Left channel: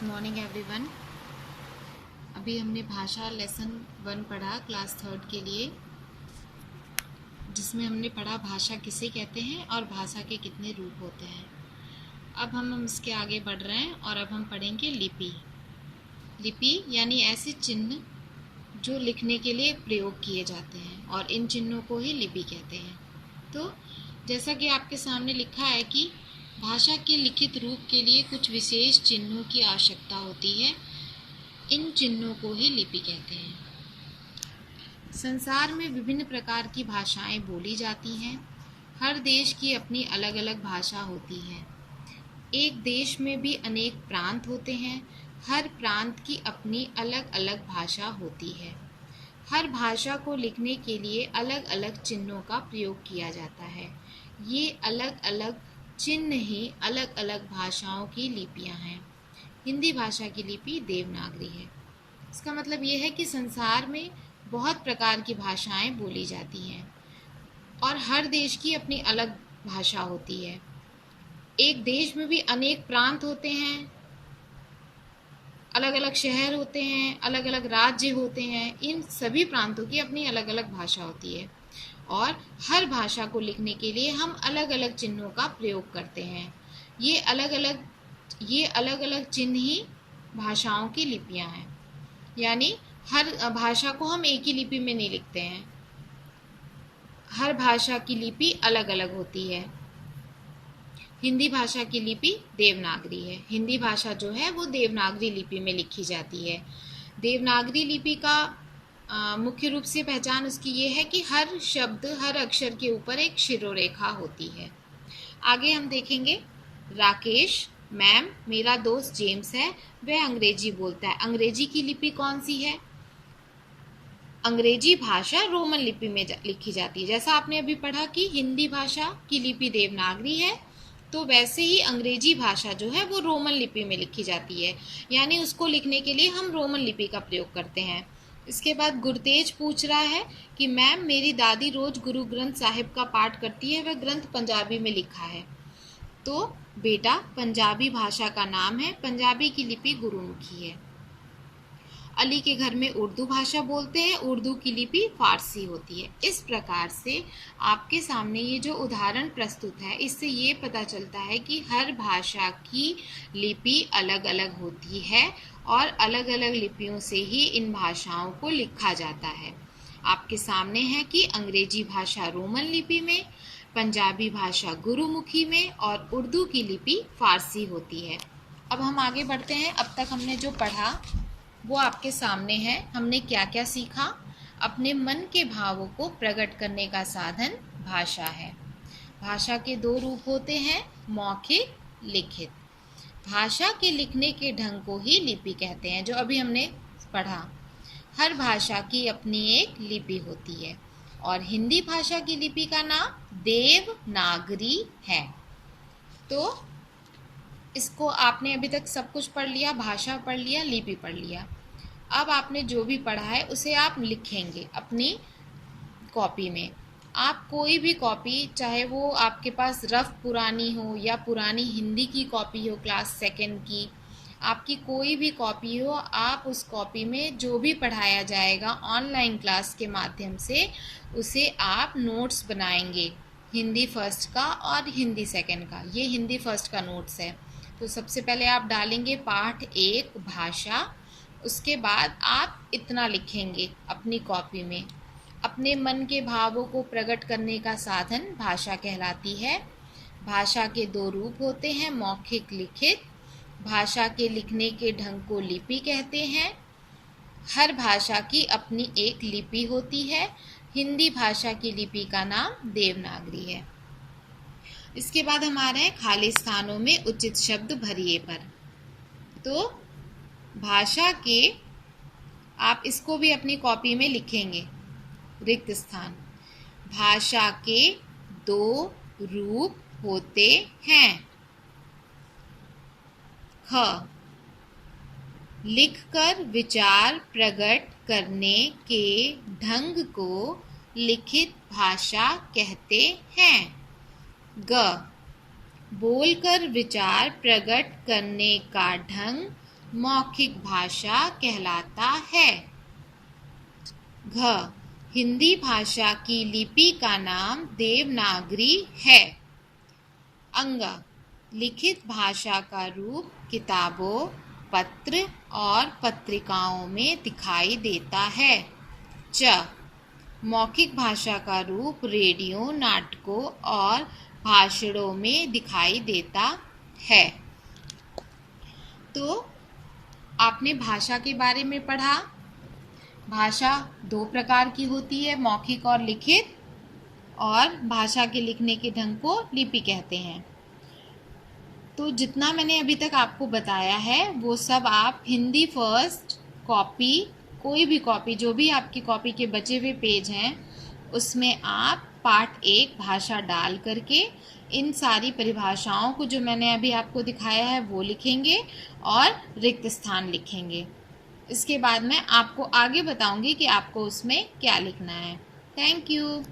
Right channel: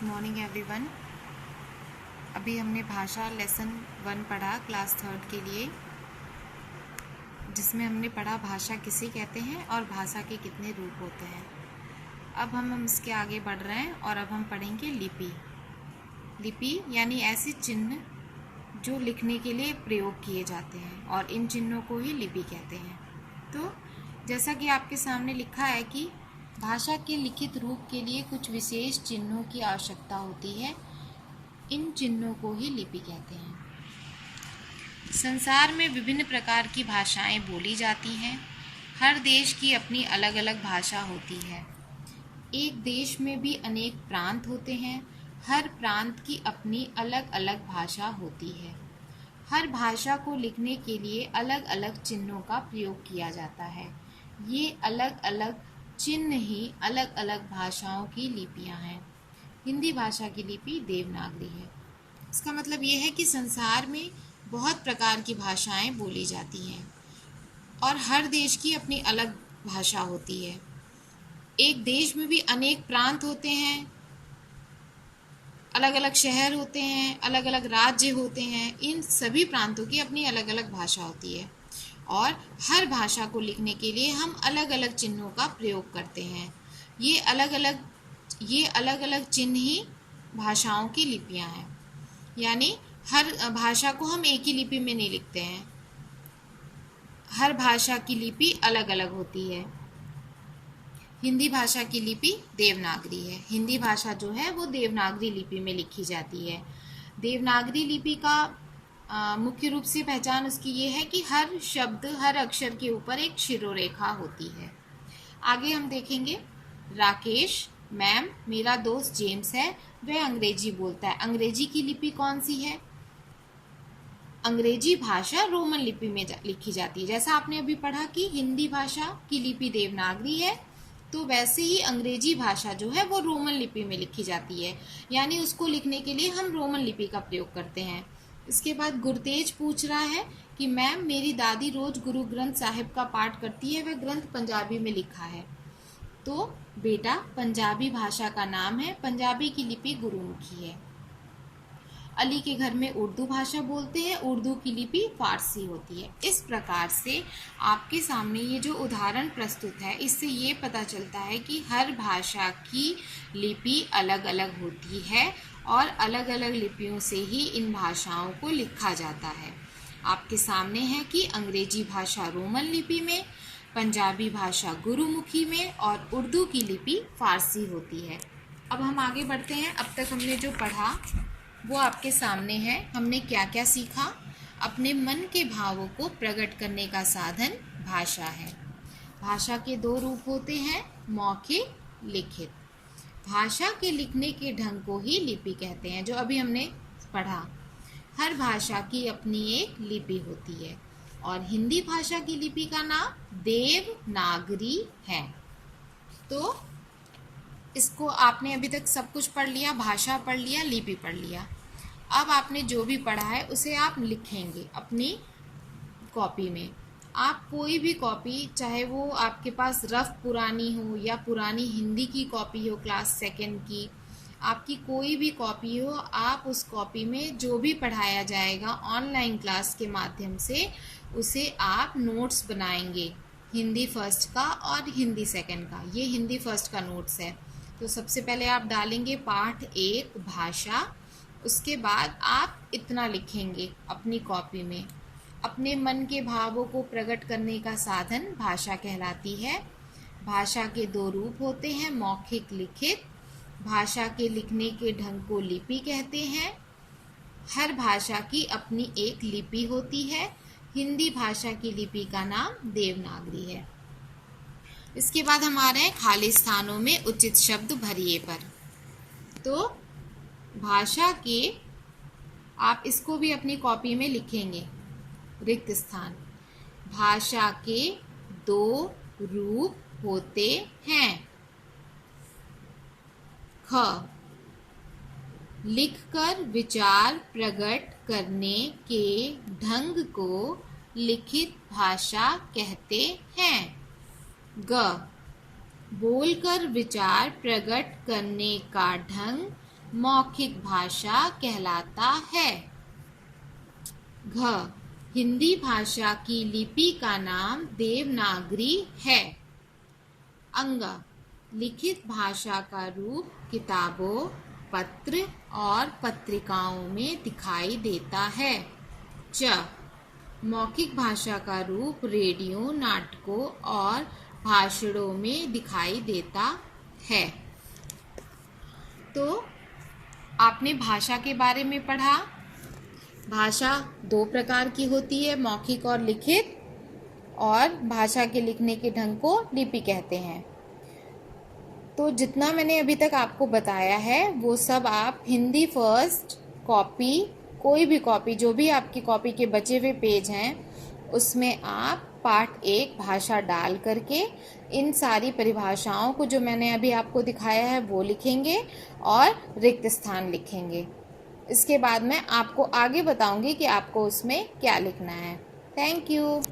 Good morning everyone. अभी हमने भाषा लेसन 1 पढ़ा क्लास 3 के लिए, जिसमें हमने पढ़ा भाषा किसे कहते हैं और भाषा के कितने रूप होते हैं। अब हम इसके आगे बढ़ रहे हैं और अब हम पढ़ेंगे लिपि। लिपि यानी ऐसे चिन्ह जो लिखने के लिए प्रयोग किए जाते हैं और इन चिन्हों को ही लिपि कहते हैं। तो जैसा कि आपके सामने लिखा है कि भाषा के लिखित रूप के लिए कुछ विशेष चिन्हों की आवश्यकता होती है, इन चिन्हों को ही लिपि कहते हैं। संसार में विभिन्न प्रकार की भाषाएं बोली जाती हैं। हर देश की अपनी अलग अलग भाषा होती है। एक देश में भी अनेक प्रांत होते हैं। हर प्रांत की अपनी अलग अलग भाषा होती है। हर भाषा को लिखने के लिए अलग अलग चिन्हों का प्रयोग किया जाता है। ये अलग अलग चिन्ह ही अलग अलग भाषाओं की लिपियां हैं। हिंदी भाषा की लिपि देवनागरी है। इसका मतलब ये है कि संसार में बहुत प्रकार की भाषाएं बोली जाती हैं और हर देश की अपनी अलग भाषा होती है। एक देश में भी अनेक प्रांत होते हैं, अलग अलग शहर होते हैं, अलग अलग राज्य होते हैं। इन सभी प्रांतों की अपनी अलग अलग भाषा होती है और हर भाषा को लिखने के लिए हम अलग अलग चिन्हों का प्रयोग करते हैं। ये अलग अलग चिन्ह ही भाषाओं की लिपियां हैं। यानी हर भाषा को हम एक ही लिपि में नहीं लिखते हैं। हर भाषा की लिपि अलग अलग होती है। हिंदी भाषा की लिपि देवनागरी है। हिंदी भाषा जो है वो देवनागरी लिपि में लिखी जाती है। देवनागरी लिपि का मुख्य रूप से पहचान उसकी ये है कि हर शब्द, हर अक्षर के ऊपर एक शिरोरेखा होती है। आगे हम देखेंगे, राकेश मैम, मेरा दोस्त जेम्स है, वह अंग्रेजी बोलता है। अंग्रेजी की लिपि कौन सी है? अंग्रेजी भाषा रोमन लिपि में लिखी जाती है। जैसा आपने अभी पढ़ा कि हिंदी भाषा की लिपि देवनागरी है, तो वैसे ही अंग्रेजी भाषा जो है वो रोमन लिपि में लिखी जाती है। यानी उसको लिखने के लिए हम रोमन लिपि का प्रयोग करते हैं। इसके बाद गुरतेज पूछ रहा है कि मैम, मेरी दादी रोज गुरु ग्रंथ साहिब का पाठ करती है, वह ग्रंथ पंजाबी में लिखा है। तो बेटा, पंजाबी भाषा का नाम है, पंजाबी की लिपि गुरुमुखी है। अली के घर में उर्दू भाषा बोलते हैं, उर्दू की लिपि फारसी होती है। इस प्रकार से आपके सामने ये जो उदाहरण प्रस्तुत है, इससे ये पता चलता है कि हर भाषा की लिपि अलग अलग होती है और अलग अलग लिपियों से ही इन भाषाओं को लिखा जाता है। आपके सामने है कि अंग्रेजी भाषा रोमन लिपि में, पंजाबी भाषा गुरुमुखी में और उर्दू की लिपि फारसी होती है। अब हम आगे बढ़ते हैं। अब तक हमने जो पढ़ा वो आपके सामने है। हमने क्या क्या सीखा? अपने मन के भावों को प्रकट करने का साधन भाषा है। भाषा के 2 रूप होते हैं, मौखिक, लिखित। भाषा के लिखने के ढंग को ही लिपि कहते हैं, जो अभी हमने पढ़ा। हर भाषा की अपनी एक लिपि होती है और हिंदी भाषा की लिपि का नाम देवनागरी है। तो इसको आपने अभी तक सब कुछ पढ़ लिया, भाषा पढ़ लिया, लिपि पढ़ लिया। अब आपने जो भी पढ़ा है उसे आप लिखेंगे अपनी कॉपी में। आप कोई भी कॉपी, चाहे वो आपके पास रफ पुरानी हो या पुरानी हिंदी की कॉपी हो क्लास 2 की, आपकी कोई भी कॉपी हो, आप उस कॉपी में जो भी पढ़ाया जाएगा ऑनलाइन क्लास के माध्यम से, उसे आप नोट्स बनाएंगे, हिंदी फर्स्ट का और हिंदी 2 का। ये हिंदी फर्स्ट का नोट्स है। तो सबसे पहले आप डालेंगे पाठ 1 भाषा, उसके बाद आप इतना लिखेंगे अपनी कॉपी में। अपने मन के भावों को प्रकट करने का साधन भाषा कहलाती है। भाषा के 2 रूप होते हैं, मौखिक, लिखित। भाषा के लिखने के ढंग को लिपि कहते हैं। हर भाषा की अपनी एक लिपि होती है। हिंदी भाषा की लिपि का नाम देवनागरी है। इसके बाद हम आ रहे हैं खाली स्थानों में उचित शब्द भरिए पर। तो भाषा के, आप इसको भी अपनी कॉपी में लिखेंगे, रिक्त स्थान। भाषा के 2 रूप होते हैं। ख, लिखकर विचार प्रकट करने के ढंग को लिखित भाषा कहते हैं। ग, बोलकर विचार प्रकट करने का ढंग मौखिक भाषा कहलाता है। घ, हिंदी भाषा की लिपि का नाम देवनागरी है। अंग, लिखित भाषा का रूप किताबों, पत्र और पत्रिकाओं में दिखाई देता है। च, मौखिक भाषा का रूप रेडियो, नाटकों और भाषणों में दिखाई देता है। तो आपने भाषा के बारे में पढ़ा। भाषा दो प्रकार की होती है, मौखिक और लिखित, और भाषा के लिखने के ढंग को लिपि कहते हैं। तो जितना मैंने अभी तक आपको बताया है वो सब आप हिंदी फर्स्ट कॉपी, कोई भी कॉपी, जो भी आपकी कॉपी के बचे हुए पेज हैं उसमें आप पार्ट 1 भाषा डाल करके इन सारी परिभाषाओं को जो मैंने अभी आपको दिखाया है वो लिखेंगे और रिक्त स्थान लिखेंगे। इसके बाद मैं आपको आगे बताऊंगी कि आपको उसमें क्या लिखना है। Thank you.